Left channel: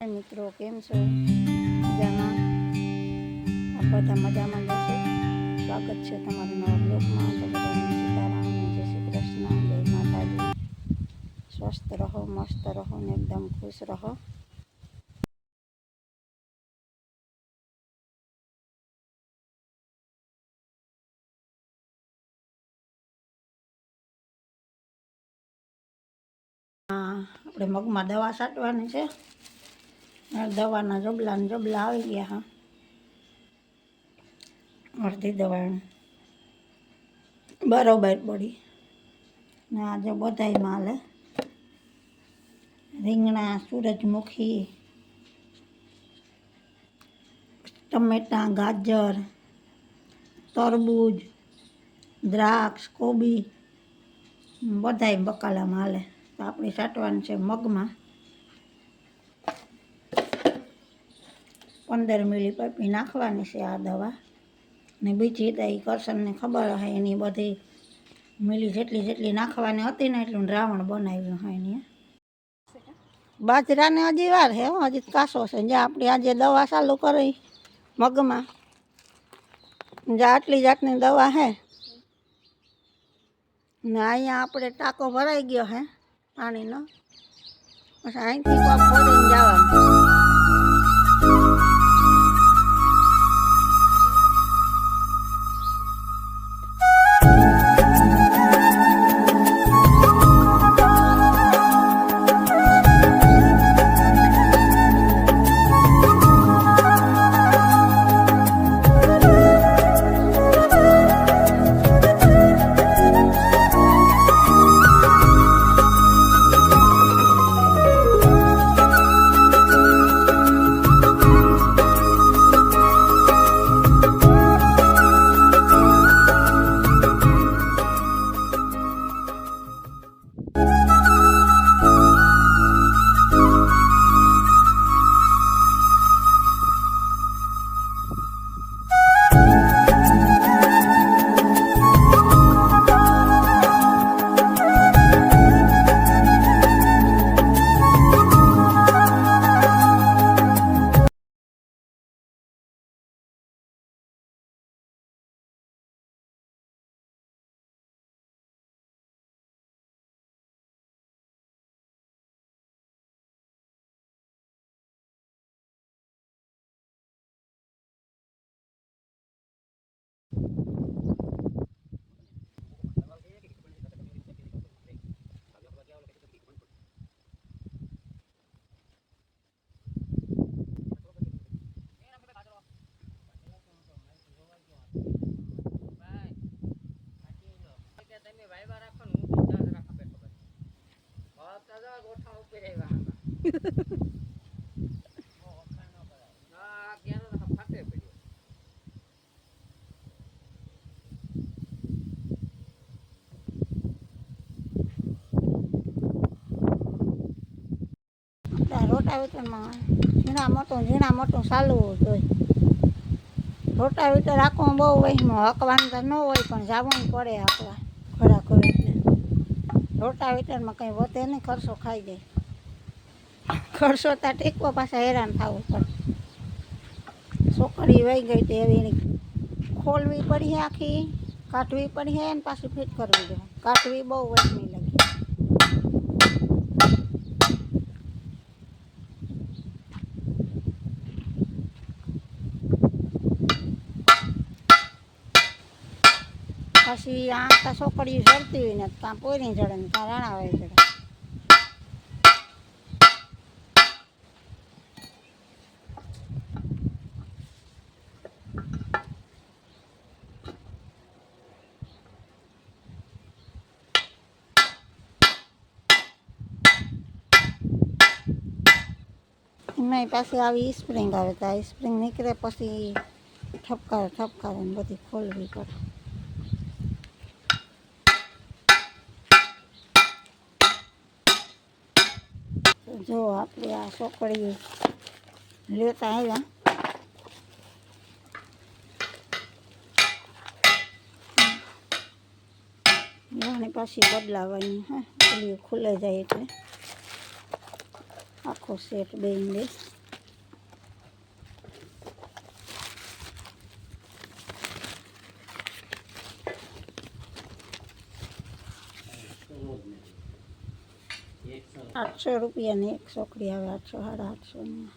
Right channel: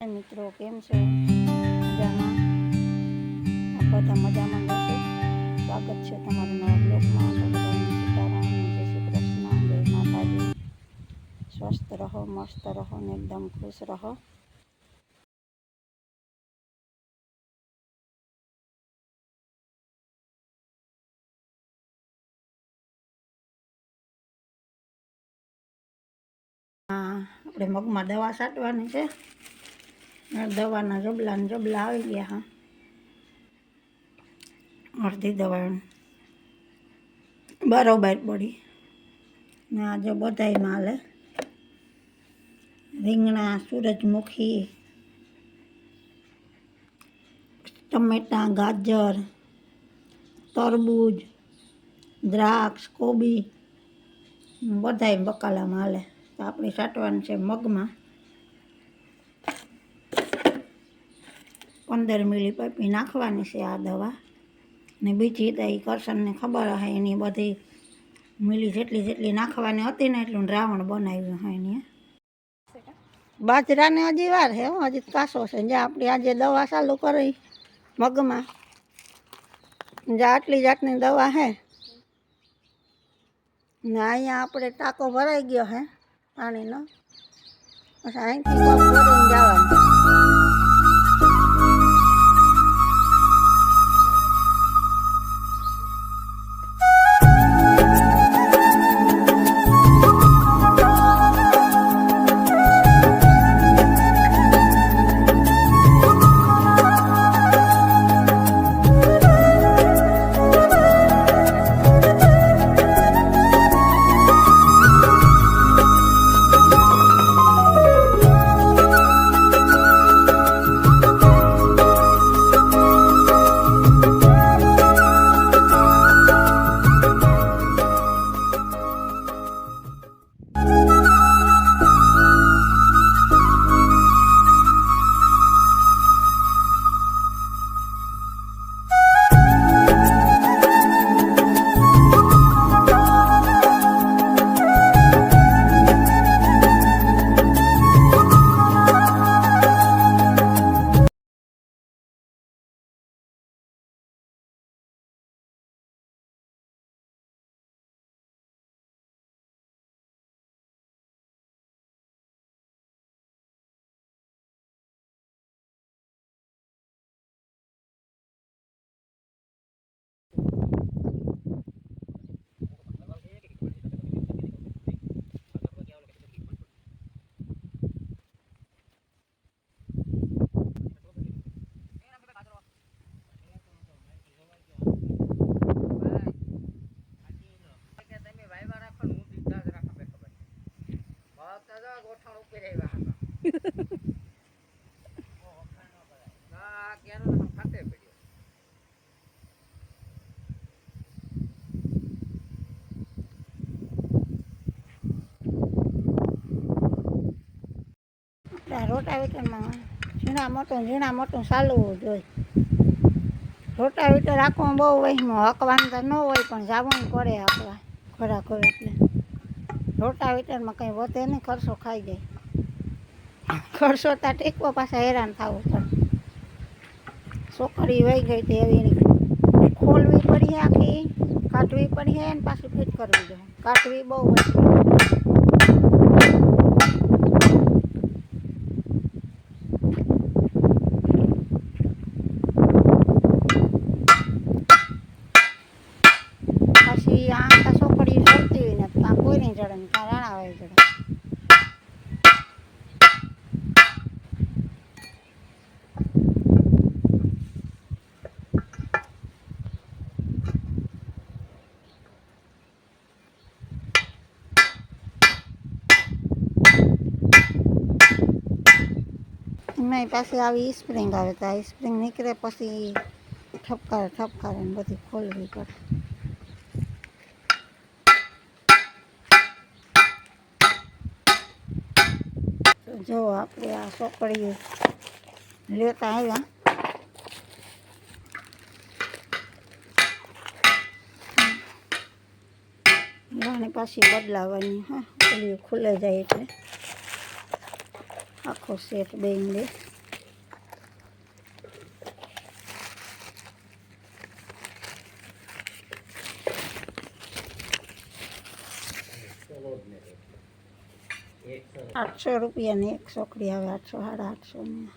મિત્રો, કેમ છો? મજામાં? બધા મજામાં જશે સ્વાગત છે તમારું નવા બ્લોગમાં. તો સીતારામ, જય શ્રી કૃષ્ણ, જય માતાજી. સ્વસ્થ રહો, મસ્ત રહો ને એકદમ ખુશ રહો. આપણે મગમાં દવા છાંટવાની છે. દવાના જબલા ને જબલા આવી ગયા હા. અડધી દવા બરોબર પડી ને આ જો માલે રીંગણા સૂરજમુખી ટમેટાં, ગાજર, તરબૂજ, દ્રાક્ષ, કોબી. બધાય બકાલામાં હાલે. તો આપણે સાટવાનું છે મગમાં. પંદર મિલી પપી નાખવાની છે આ દવા. ને બીજી તો એ કરશનને ખબર હે એની બધી મિલી જેટલી જેટલી નાખવાની હતી ને એટલું દ્રાવણ બનાવ્યું હોય એની. બાજરાને હજી વાર હો, હજી કાસો છે. જ્યાં આપણે આજે દવા ચાલુ કરી મગમાં. જ્યાં આટલી જાતની દવા હે. ને અહીંયા આપણે ટાંકો ભરાઈ ગયો હે પાણીનો. પછી અહીંથી પગ જવાનું. રોટાવેટરમાં ઝીણા મોટું ઝીણા મોટું ચાલવું જોઈએ. રોટાવેટર રાખવું બહુ વહીમાં હકવાનું તો ન હોય, પણ જવું પડે આપણા ખોરાક રોટાવેટરમાં કંઈ વધે નહીં, ખર્ચો ખાઈ જાય. ખર્ચો ત્યાં ટેકવા પાછા હેરાન થવું પડે. છોકરી વહી ગઈ તો એવી એની ખોલવી પડી આખી, કાઢવી પડી ને પાછી ફિટ કરવી જોઈએ કાઢવી બહુ પછી આ તો જડતી હોય ને ત્યાં કોઈ નહીં ને ત્યાં રાણા હોય ચડે એમાં પાછી આવી સ્પ્રિંગ આવે તો આ સ્પ્રિંગ નીકળે પછી ઠપકારે ઠપકારે ને બધી ખોલવી પડે. તો જો આપણે આ ચોકડી લેતા આવ્યા. રાણી પાછી બદલાવાની, હા પેલી ખુલે જાય એટલે. આખો સેટ બેન બે આઠસો રૂપિયાની એક છોકરી આવે આઠસો સાડા આઠસો ની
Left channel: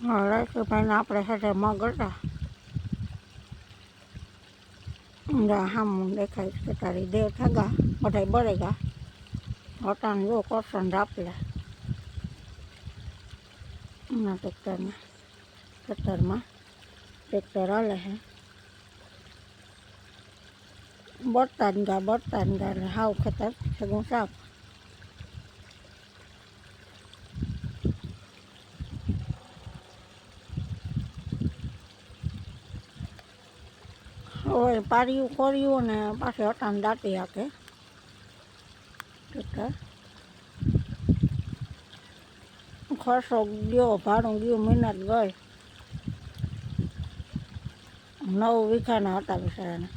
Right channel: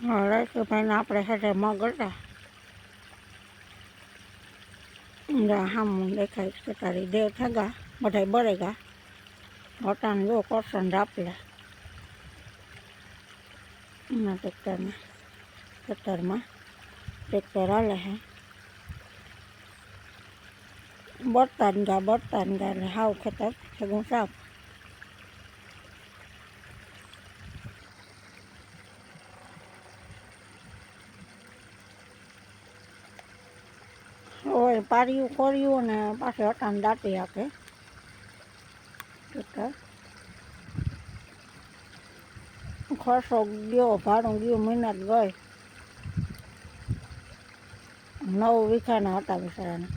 હા રાકેશભાઈને આપણે સાથે મગ હતા. જા હામ દેખાય છે તારી દેવ થગા બધા બળેગા હોટાને જો કરશન રાપલે. એના ટ્રેક્ટરમાં. ટ્રેક્ટરમાં. ટ્રેક્ટર હાલે છે બળતાન ગા બળતાન ગા એટલે હાવ ખેતર ભેગું સાફ. ઓય, પાર્યું, કર્યું ને પાછું હટાને દાટી હાકે ટ્રેક્ટર ખર્ચો ગયો, ભાડું ગયું, મહેનત ગઈ. નવ વીઘાના હતા બિચારાના.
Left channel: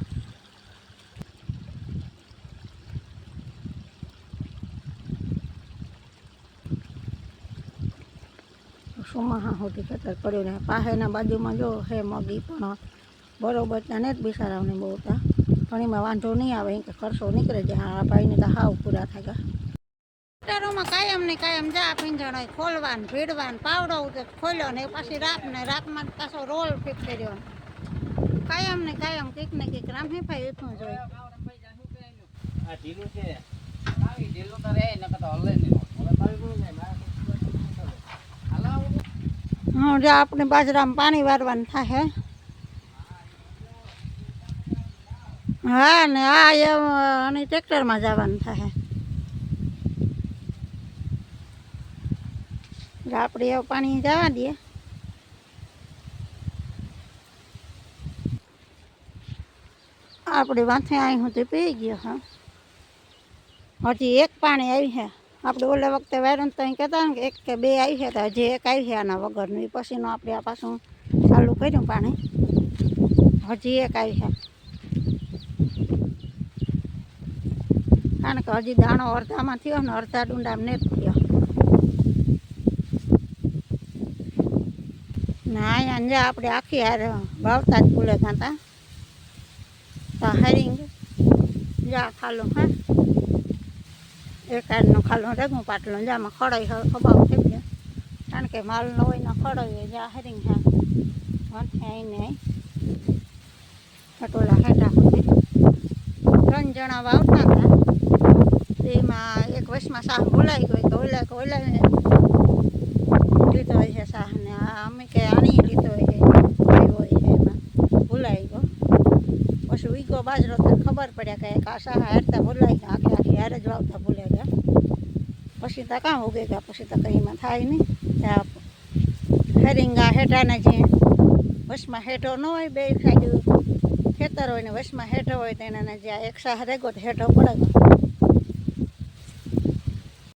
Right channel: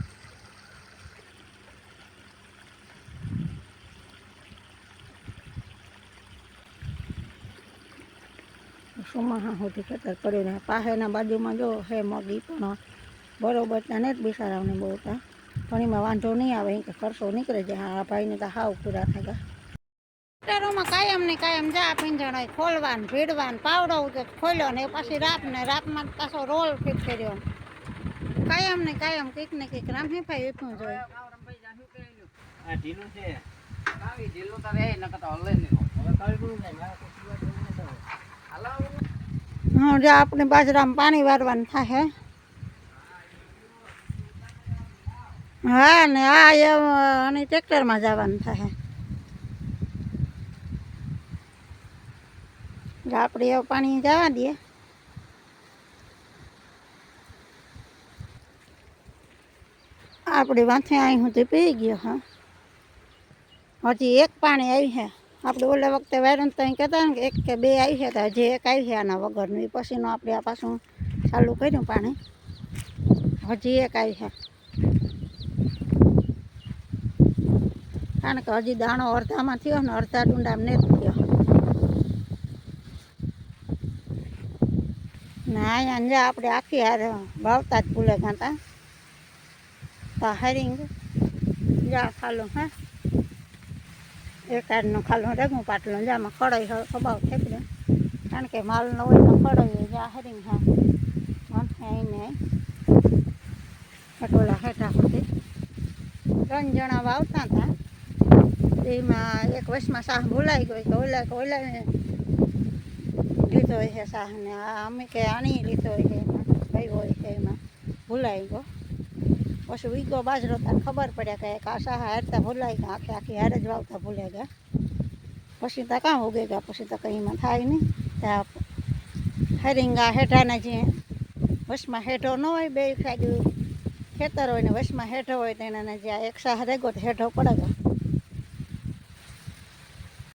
સુમાહા સુધી ખેતર પડ્યું ને પાસેના બાજુમાં જો હે મગી પણ બરોબર ત્યાં ને જ બિચારાઓને બહુ હતા. પણ એમાં વાંધો નહીં આવે કે ખર્ચો નીકળે જાય આ ભાઈને તો હાવ પૂરા થાય. ટ્રેક્ટરોમાં કાયમ ને કાયમ જા પીંજણ ખોલવાન ભીડવાન પાવડો તો ખોલ્યો ને પછી રાત ને રાતમાં પાછો રોલ ફિટ કર્યો. કાયમ ને કાયમ કંઈક ને કંઈક રામ હે ભાઈ એટલું જોઈએ આ ઢીલું છે. આવી ઢીલું તો રે નકર તો હલે નહીં હવે તાવી કોણ જાય હા જો આપણે બાજરામાં પાણી વારવાનું થાય હા. ને આ એમ અને ટ્રેક્ટરમાં જવાનું થાય આપણે એવું પાણી જવા દઈએ આપણે વાંથે અહીં સુધી પી ગયો, હા. હજી એક પાણી આવી છે. આપણે ઓલા વખતે વાયરન તો કહેતા ને એક કે બે આવી છે, તો હજી એક આવી છે આના વગરનું. એ પછીનું આપણે આ પાછું ચાલુ કર્યું પાણી. હજી એક આવી છે. કારણ કે હજી દાણો અડધામાં થયો ને અડધા ડુંડામાં નથી થયો. ને અહીંયા આપણે આખી હારે વાવતા જ ફૂલે ખાતા તો હરિંગ. જા, ખાલું, હા. એક આજનું ખાલું રેગું પાટલો જામાં ખડાઈ ખબાવ થેપલે કારણ કે માલ ન હોય તો ખડાઈ જા, હરિંગ, હા. આવીને પટોલા હેઠા સુધી. ત્રણ જણા વાવતા હતા. તેમાં એક વર્ષમાં શાહ ભૂલાઈ ગયો, તો ઓલા કે ઓલા લીધો છે શાહને. આ અમે કે આણી લીધો છે, આવ્યો છે એમાં. ભૂલાઈ ગયો. પછી ઉગો બાજરો તો ખબર પડ્યા કે આ શાહ હારતા ભૂલાઈ ગયા, આખી આખી હારે જ વાવતા ભૂલાઈ ગયા. પછી તો કાં ઉગે ગયા, પછી તો કંઈ એમાં થાય નહીં. ત્યાં હરિંગા હેઠાના જે વસમાં હેઠો ન હોય બે સાઈડ ખેતર હોય ને વસમાં હેઠો હોય તો એના જે આ એક શાહ રેગો તો હેઠો પડે